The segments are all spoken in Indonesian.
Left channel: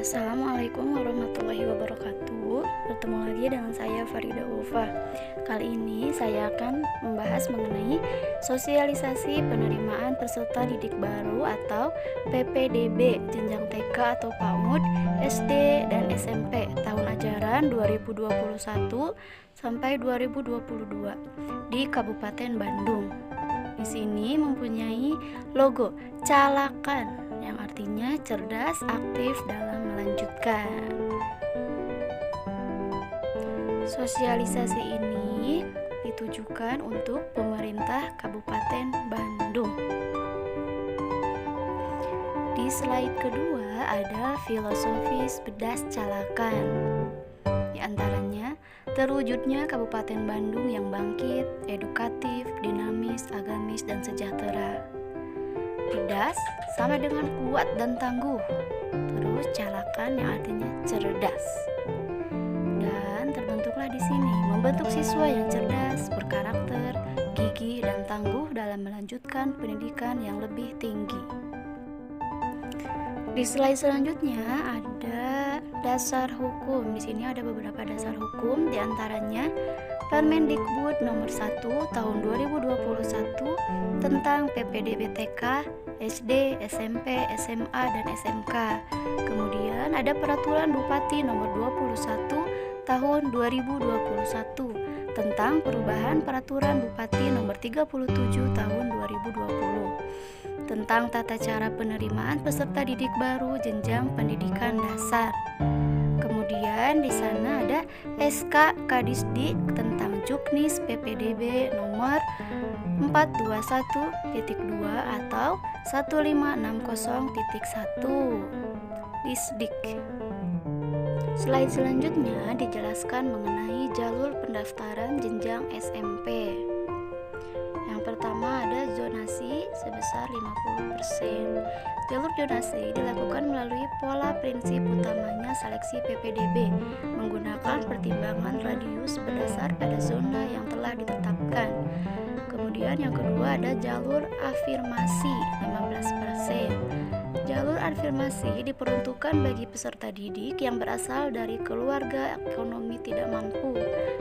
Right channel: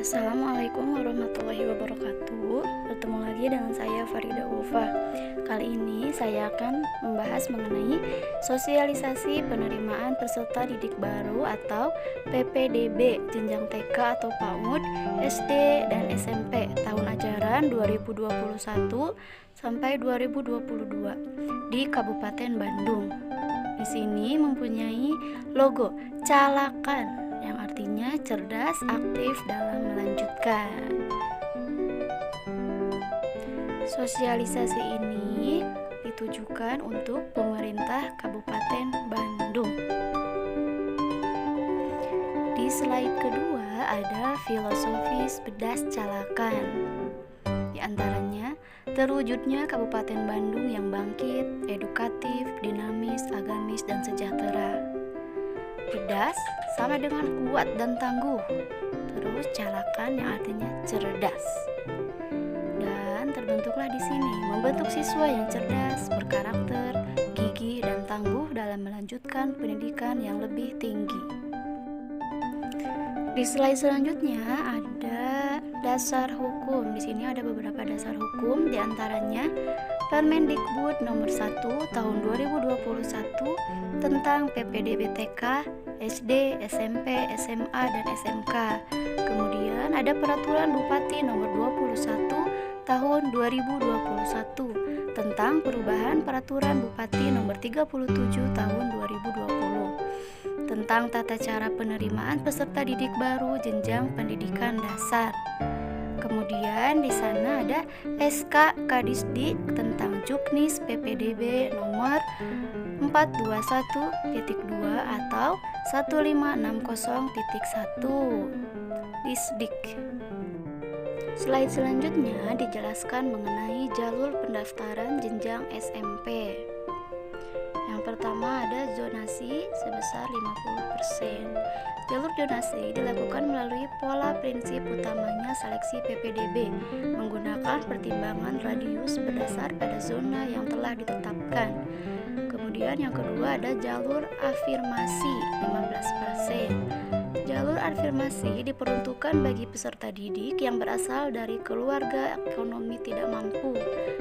Assalamualaikum warahmatullahi wabarakatuh. Bertemu lagi dengan saya Farida Ulfa. Kali ini saya akan membahas mengenai sosialisasi penerimaan peserta didik baru atau PPDB jenjang TK atau PAUD, SD dan SMP tahun ajaran 2021 sampai 2022 di Kabupaten Bandung. Di sini mempunyai logo Calakan yang artinya cerdas, aktif dalam melanjutkan. Sosialisasi ini ditujukan untuk pemerintah Kabupaten Bandung. Di slide kedua ada filosofis Bedas Calakan. Di antaranya, terwujudnya Kabupaten Bandung yang bangkit, edukatif, dinamis, agamis, dan sejahtera. Bedas sama dengan kuat dan tangguh. Terus calakan yang artinya cerdas. Dan terbentuklah di sini membentuk siswa yang cerdas, berkarakter, gigih, dan tangguh dalam melanjutkan pendidikan yang lebih tinggi. Di slide selanjutnya ada dasar hukum. Di sini ada beberapa dasar hukum, di antaranya Permendikbud nomor 1 tahun 2021 tentang PPDB TK, SD, SMP, SMA, dan SMK. Kemudian ada Peraturan Bupati nomor 21 tahun 2021 tentang perubahan Peraturan Bupati nomor 37 tahun 2020 tentang tata cara penerimaan peserta didik baru jenjang pendidikan dasar. Kemudian di sana ada SK Kadisdik tentang Juknis PPDB nomor 421.2 atau 1560.1 Disdik. Slide selanjutnya dijelaskan mengenai jalur pendaftaran jenjang SMP. Yang pertama ada zonasi sebesar 50%. Jalur zonasi dilakukan melalui pola prinsip utamanya seleksi PPDB menggunakan pertimbangan radius berdasar pada zona yang telah ditetapkan. Kemudian yang kedua ada jalur afirmasi 15%. Jalur afirmasi diperuntukkan bagi peserta didik yang berasal dari keluarga ekonomi tidak mampu,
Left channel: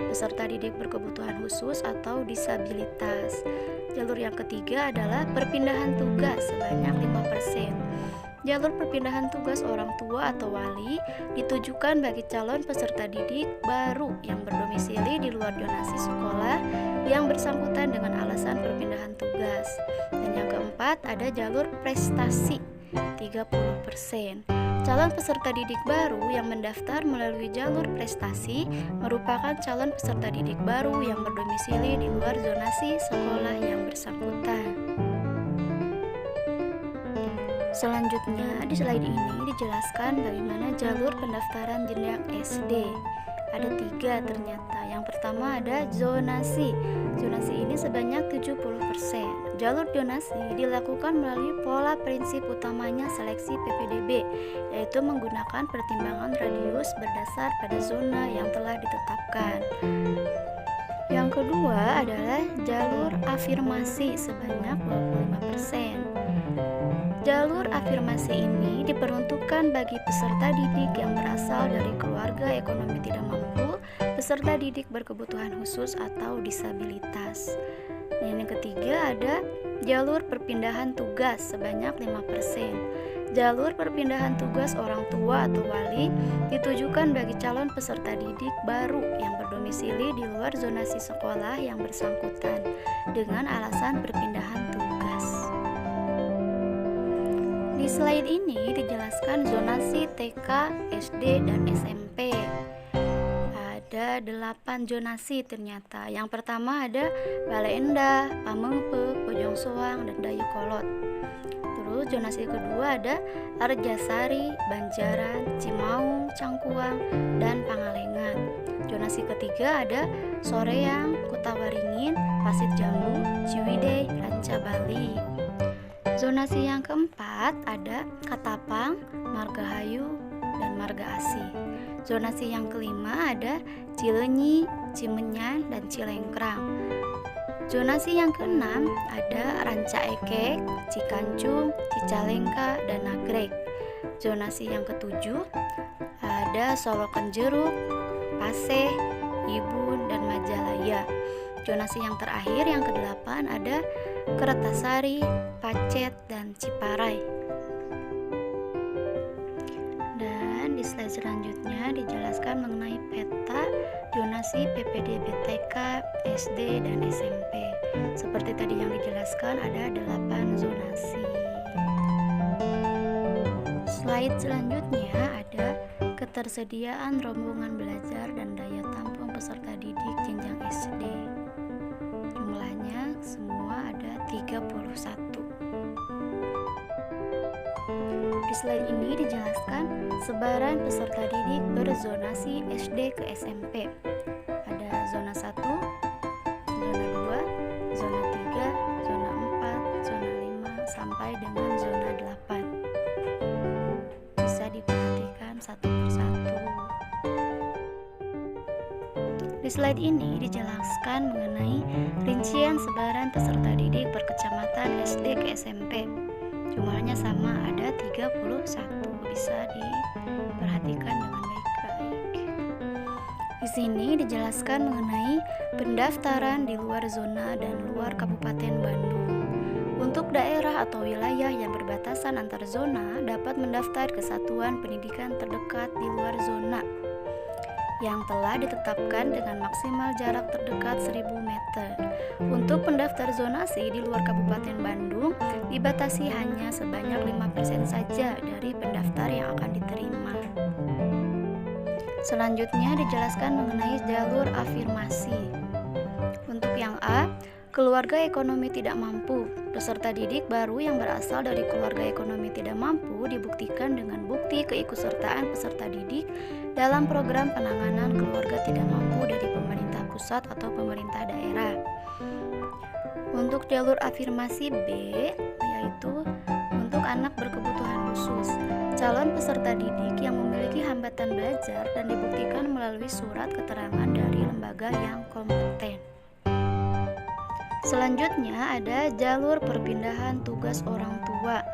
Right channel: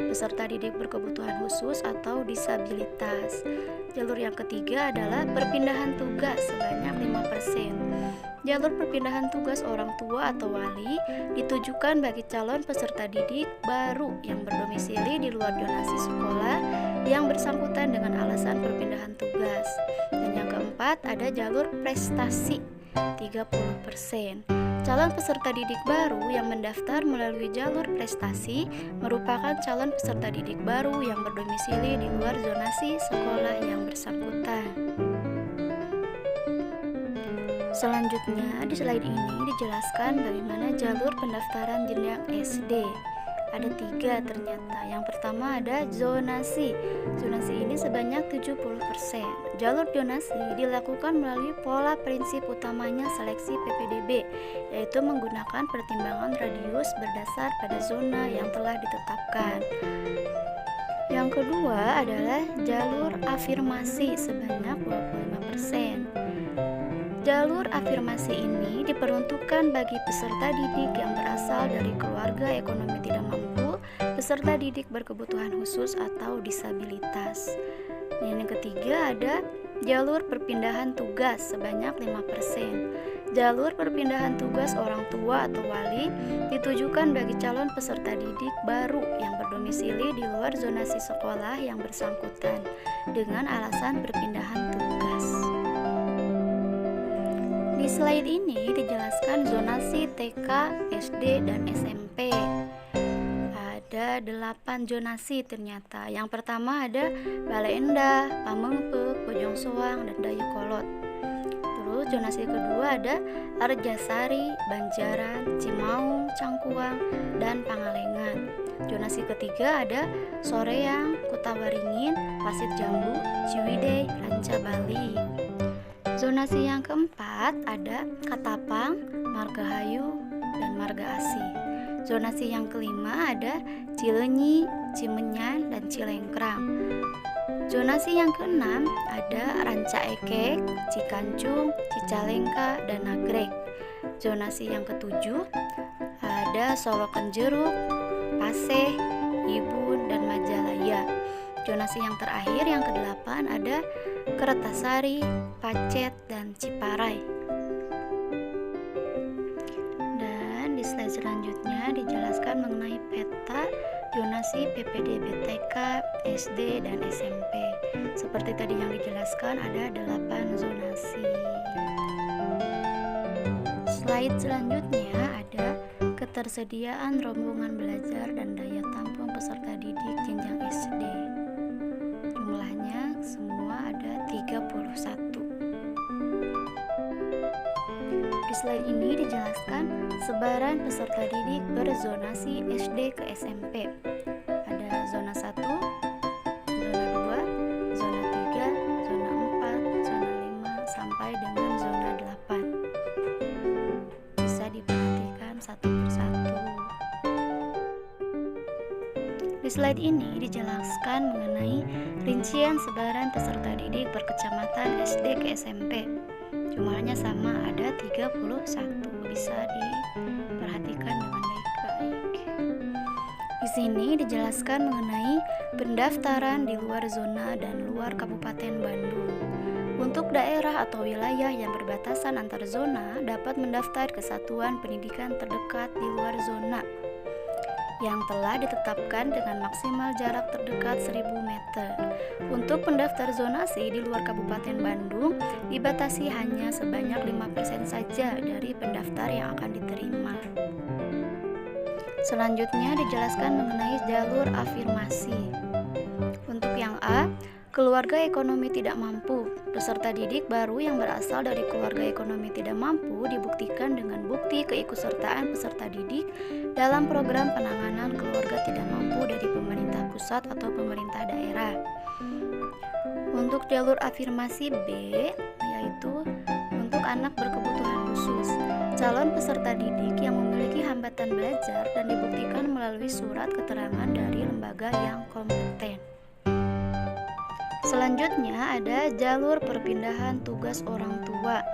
peserta didik berkebutuhan khusus atau disabilitas. Jalur yang ketiga adalah perpindahan tugas sebanyak 5%. Jalur perpindahan tugas orang tua atau wali ditujukan bagi calon peserta didik baru yang berdomisili di luar zonasi sekolah yang bersangkutan dengan alasan perpindahan tugas. Dan yang keempat ada jalur prestasi 30%. Calon peserta didik baru yang mendaftar melalui jalur prestasi merupakan calon peserta didik baru yang berdomisili di luar zonasi sekolah yang bersangkutan. Selanjutnya di slide ini dijelaskan bagaimana jalur pendaftaran jenjang SD. Ada 3 ternyata. Yang pertama ada zonasi. Zonasi ini sebanyak 70%. Jalur zonasi dilakukan melalui pola prinsip utamanya seleksi PPDB, yaitu menggunakan pertimbangan radius berdasar pada zona yang telah ditetapkan. Yang kedua adalah jalur afirmasi sebanyak 25%. Jalur afirmasi ini diperuntukkan bagi peserta didik yang berasal dari keluarga ekonomi tidak mampu, peserta didik berkebutuhan khusus atau disabilitas. Dan yang ketiga ada jalur perpindahan tugas sebanyak 5%. Jalur perpindahan tugas orang tua atau wali ditujukan bagi calon peserta didik baru yang berdomisili di luar zonasi sekolah yang bersangkutan dengan alasan perpindahan tugas. Di slide ini dijelaskan zonasi TK, SD, dan SMP. Ada 8 zonasi ternyata. Yang pertama ada Bale Endah, Pamengpeuk, Bojong Soang, dan Dayakolot. Terus zonasi kedua ada Arjasari, Banjaran, Cimaung, Cangkuang, dan Pangalengan. Zonasi ketiga ada Soreang, Kutawaringin, Pasir Jambu, Ciwidey, Ranca Bali. Zonasi yang keempat ada Katapang, Margahayu, dan Marga Asih. Zonasi yang kelima ada Cileunyi, Cimenyan, dan Cilengkrang. Zonasi yang keenam ada Ranca Ekek, Cikancung, Cicalengka, dan Nagreg. Zonasi yang ketujuh ada Solokan Jeruk, Paseh, Ibun, dan Majalaya. Zonasi yang terakhir yang kedelapan ada Kertasari, Pacet, dan Ciparai. Dan di slide selanjutnya dijelaskan mengenai peta zonasi PPDB TK, SD, dan SMP. Seperti tadi yang dijelaskan ada 8 zonasi. Slide selanjutnya ada ketersediaan rombongan belajar dan daya tampung peserta didik jenjang SD. Jumlahnya semua ada 31. Di slide ini dijelaskan sebaran peserta didik berzonasi SD ke SMP. Ada zona 1, zona 2, zona 3, zona 4, zona 5, sampai dengan zona 8. Bisa diperhatikan satu persatu. Di slide ini dijelaskan mengenai rincian sebaran peserta didik per kecamatan SD ke SMP. Jumlahnya sama, ada 31. Bisa diperhatikan dengan baik-baik. Di sini dijelaskan mengenai pendaftaran di luar zona dan luar Kabupaten Bandung. Untuk daerah atau wilayah yang berbatasan antar zona dapat mendaftar ke satuan pendidikan terdekat di luar zona yang telah ditetapkan dengan maksimal jarak terdekat 1000 meter. Untuk pendaftar zonasi di luar Kabupaten Bandung dibatasi hanya sebanyak 5% saja dari pendaftar yang akan diterima. Selanjutnya dijelaskan mengenai jalur afirmasi. Untuk yang A, keluarga ekonomi tidak mampu. Peserta didik baru yang berasal dari keluarga ekonomi tidak mampu dibuktikan dengan bukti keikutsertaan peserta didik dalam program penanganan keluarga tidak mampu dari pemerintah pusat atau pemerintah daerah. Untuk jalur afirmasi B, yaitu untuk anak berkebutuhan khusus. Calon peserta didik yang memiliki hambatan belajar dan dibuktikan melalui surat keterangan dari lembaga yang kompeten. Selanjutnya ada jalur perpindahan tugas orang tua.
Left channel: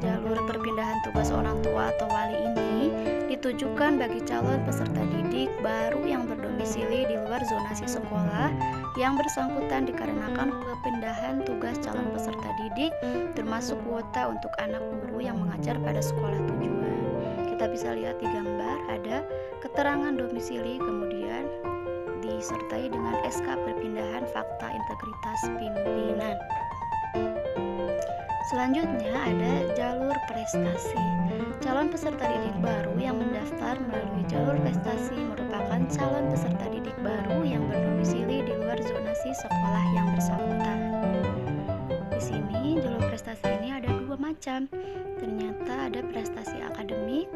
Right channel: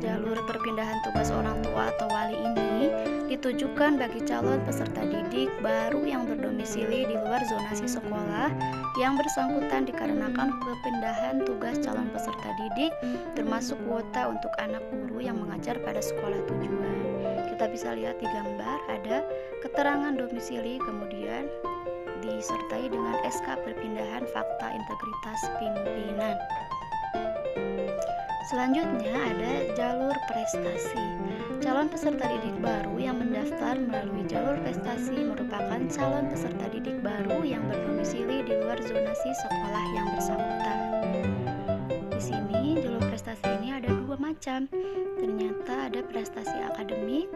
Jalur perpindahan tugas orang tua atau wali ini ditujukan bagi calon peserta didik baru yang berdomisili di luar zonasi sekolah yang bersangkutan dikarenakan perpindahan tugas calon peserta didik, termasuk kuota untuk anak guru yang mengajar pada sekolah tujuan. Kita bisa lihat di gambar ada keterangan domisili, kemudian disertai dengan SK perpindahan fakta integritas pimpinan. Selanjutnya ada jalur prestasi. Calon peserta didik baru yang mendaftar melalui jalur prestasi merupakan calon peserta didik baru yang berdomisili di luar zonasi sekolah yang bersangkutan. Di sini jalur prestasi ini ada 2 macam. Ternyata ada prestasi akademik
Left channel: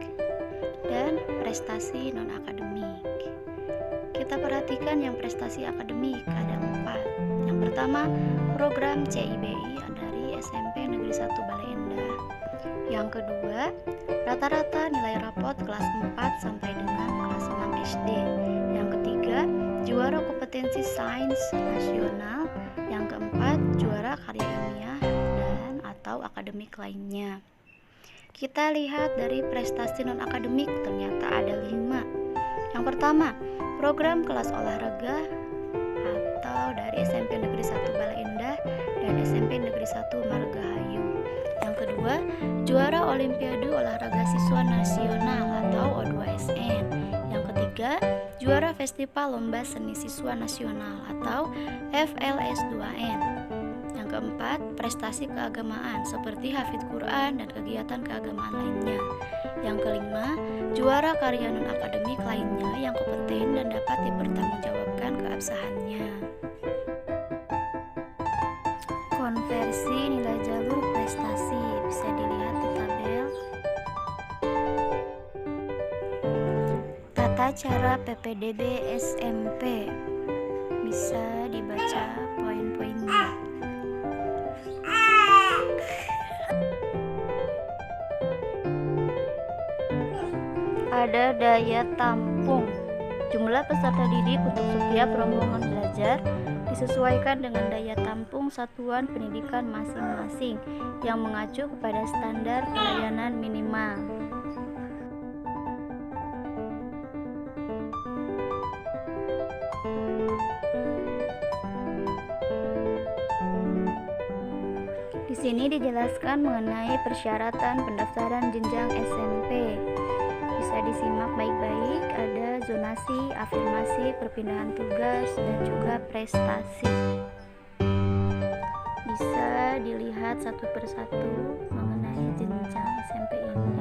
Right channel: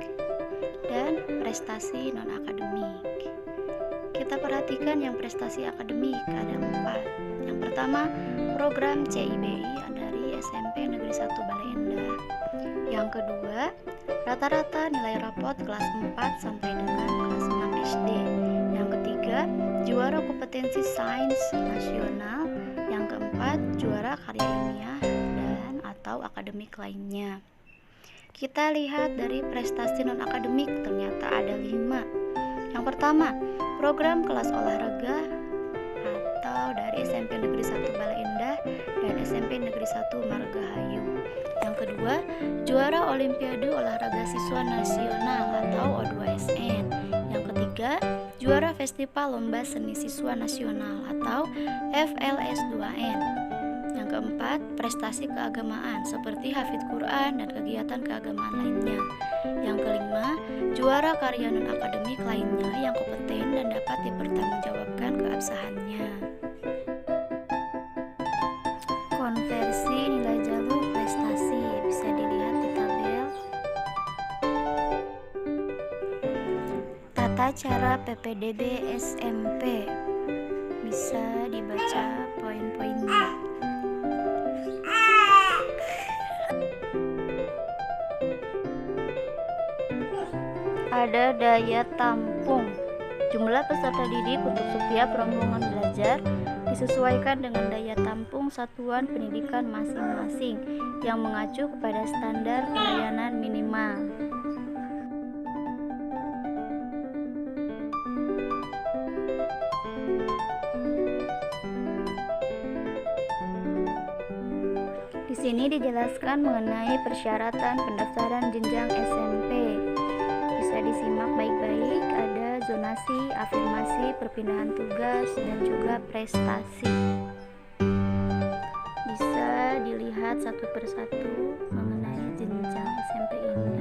dan prestasi non-akademik. Kita perhatikan yang prestasi akademik ada 4. Yang pertama, program CIBI dari SMP Negeri 1 Bale Endah. Yang kedua, rata-rata nilai rapot kelas 4 sampai dengan kelas 6 SD. Yang ketiga, juara kompetensi sains nasional. Yang keempat, juara karya ilmiah dan atau akademik lainnya. Kita lihat dari prestasi non-akademik, ternyata ada 5. Yang pertama, program kelas olahraga atau dari SMP Negeri 1 Bale Endah dan SMP Negeri 1 Margahayu. Yang kedua, juara Olimpiade Olahraga Siswa Nasional atau O2SN. Yang ketiga, juara Festival Lomba Seni Siswa Nasional atau FLS2N. Yang keempat, prestasi keagamaan seperti hafidz Quran dan kegiatan keagamaan lainnya. Yang kelima, juara karya non-akademik lainnya yang kompeten dan dapat dipertanggungjawabkan keabsahannya. Konversi nilai jalur prestasi bisa dilihat di tabel. Tata cara PPDB SMP bisa dibaca poin-poinnya. Ada daya tampung. Jumlah peserta didik untuk setiap rombongan belajar disesuaikan dengan daya tampung satuan pendidikan masing-masing yang mengacu kepada standar pelayanan minimal. Di sini dijelaskan mengenai persyaratan pendaftaran jenjang SMP. Bisa disimak baik-baik, ada zonasi, afirmasi, perpindahan tugas, dan juga prestasi. Bisa dilihat satu persatu mengenai jenjang SMP ini.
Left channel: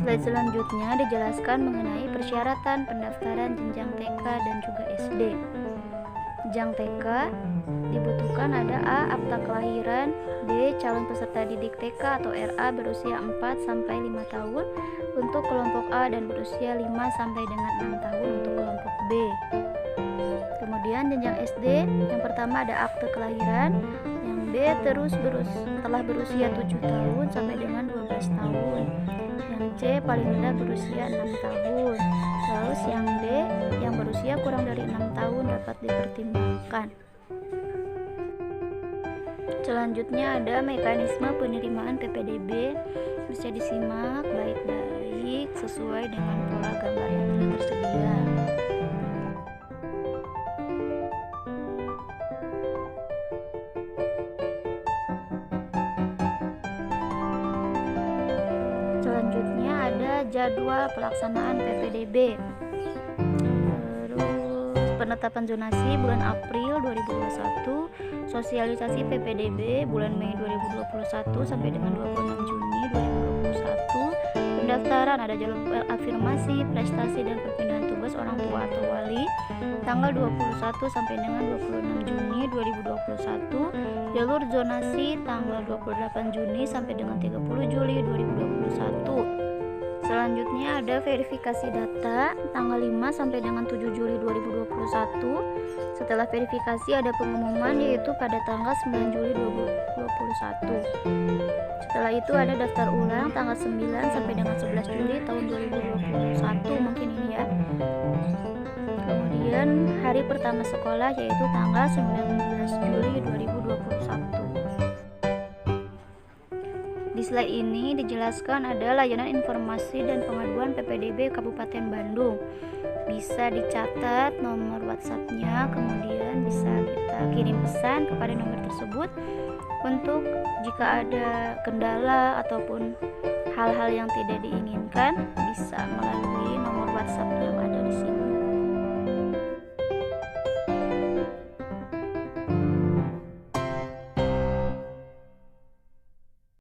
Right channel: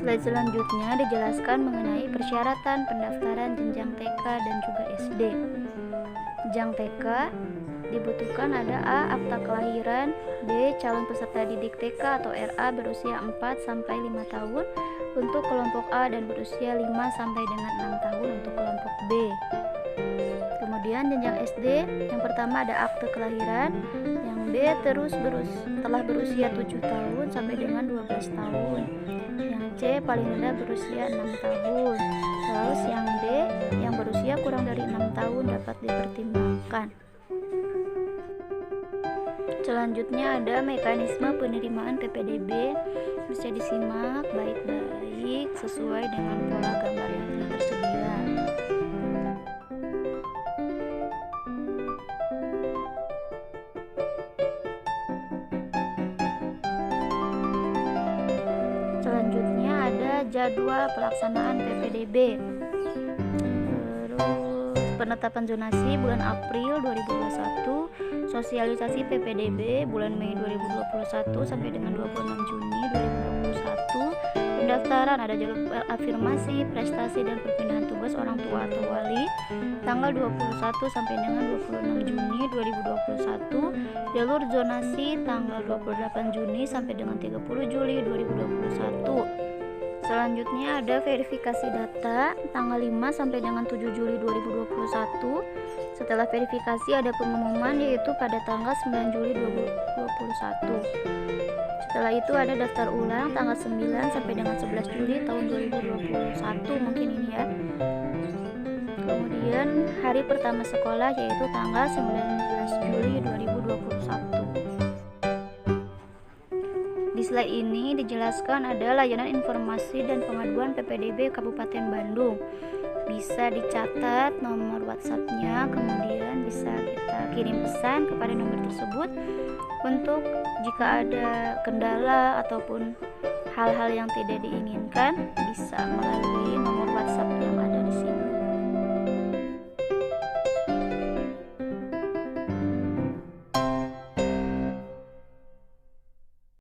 Slide selanjutnya dijelaskan mengenai persyaratan pendaftaran jenjang TK dan juga SD. Jenjang TK dibutuhkan ada A. Akta kelahiran, B. Calon peserta didik TK atau RA berusia 4 sampai 5 tahun untuk kelompok A dan berusia 5 sampai dengan 6 tahun untuk kelompok B. Kemudian jenjang SD, yang pertama ada akte kelahiran, yang B telah berusia 7 tahun sampai dengan 12 tahun. Yang C paling rendah berusia 6 tahun. Terus yang D yang berusia kurang dari 6 tahun dapat dipertimbangkan. Selanjutnya ada mekanisme penerimaan PPDB. Bisa disimak baik-baik sesuai dengan pola gambar yang telah tersedia. Selanjutnya ada jadwal pelaksanaan PPDB. Terus penetapan zonasi bulan April 2021, sosialisasi PPDB bulan Mei 2021 sampai dengan 26 Juni 2021, pendaftaran ada jalur afirmasi, prestasi dan perpindahan tugas orang tua atau wali tanggal 21 sampai dengan 26 Juni 2021, jalur zonasi tanggal 28 Juni sampai dengan 30 Juli 2021. Selanjutnya ada verifikasi data tanggal 5 sampai dengan 7 Juli 2021. Setelah verifikasi ada pengumuman yaitu pada tanggal 9 Juli 2021. Setelah itu ada daftar ulang tanggal 9 sampai dengan 11 Juli tahun 2021 mungkin ini ya. Kemudian hari pertama sekolah yaitu tanggal 19 Juli 2021. Di slide ini dijelaskan ada layanan informasi dan pengaduan PPDB Kabupaten Bandung. Bisa dicatat nomor WhatsApp-nya, kemudian bisa kita kirim pesan kepada nomor tersebut untuk jika ada kendala ataupun hal-hal yang tidak diinginkan bisa melalui nomor WhatsApp yang ada di sini.